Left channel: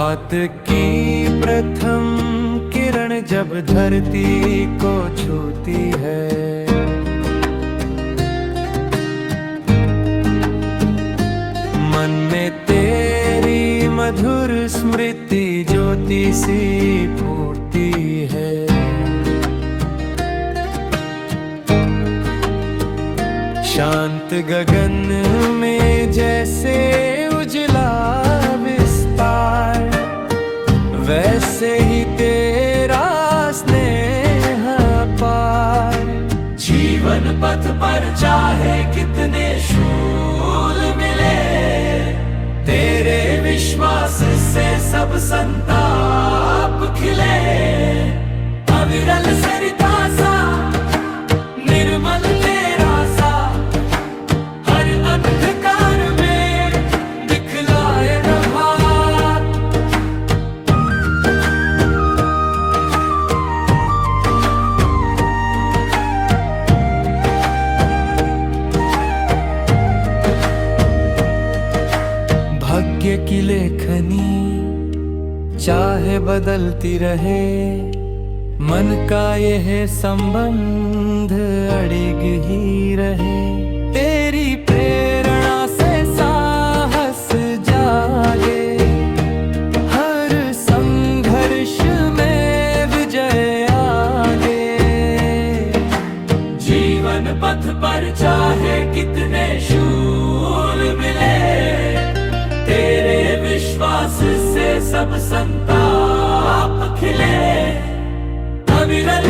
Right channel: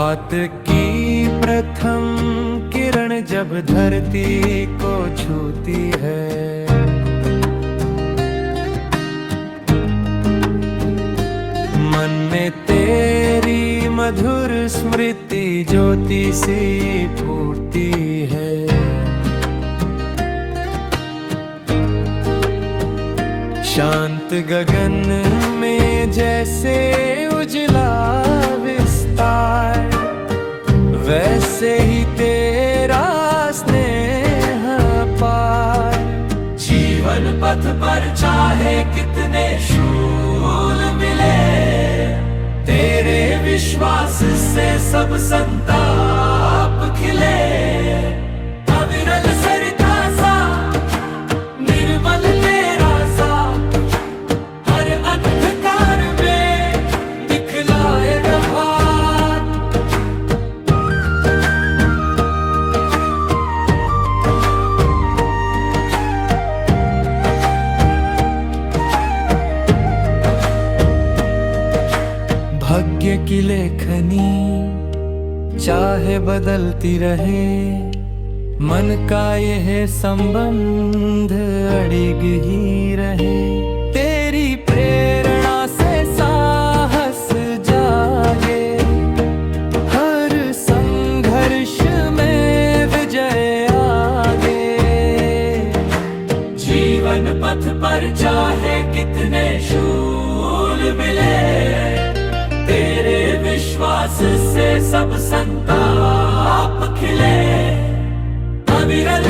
प्रभात की प्रथम किरण जब धरती को छूती है, मन में तेरी मधुर स्मृति ज्योति सी फूटती है। शांत गगन में जैसे उजला विस्तार, वैसे ही तेरा स्नेह अपार। जीवन पथ पर चाहे कितने शूल मिले, तेरे विश्वास से सब संताप खिले। अविरल सरिता सा निर्मल तेरा सा, हर अंधकार में दिखलाए प्रभात। भाग्य की लेखनी चाहे बदलती रहे, मन का यह संबंध अड़िग ही रहे। तेरी प्रेरणा से साहस जागे, हर संघर्ष में विजय आगे। जीवन पथ पर चाहे कितने शूल मिले, तेरे विश्वास से सब संताप खिले। अविरल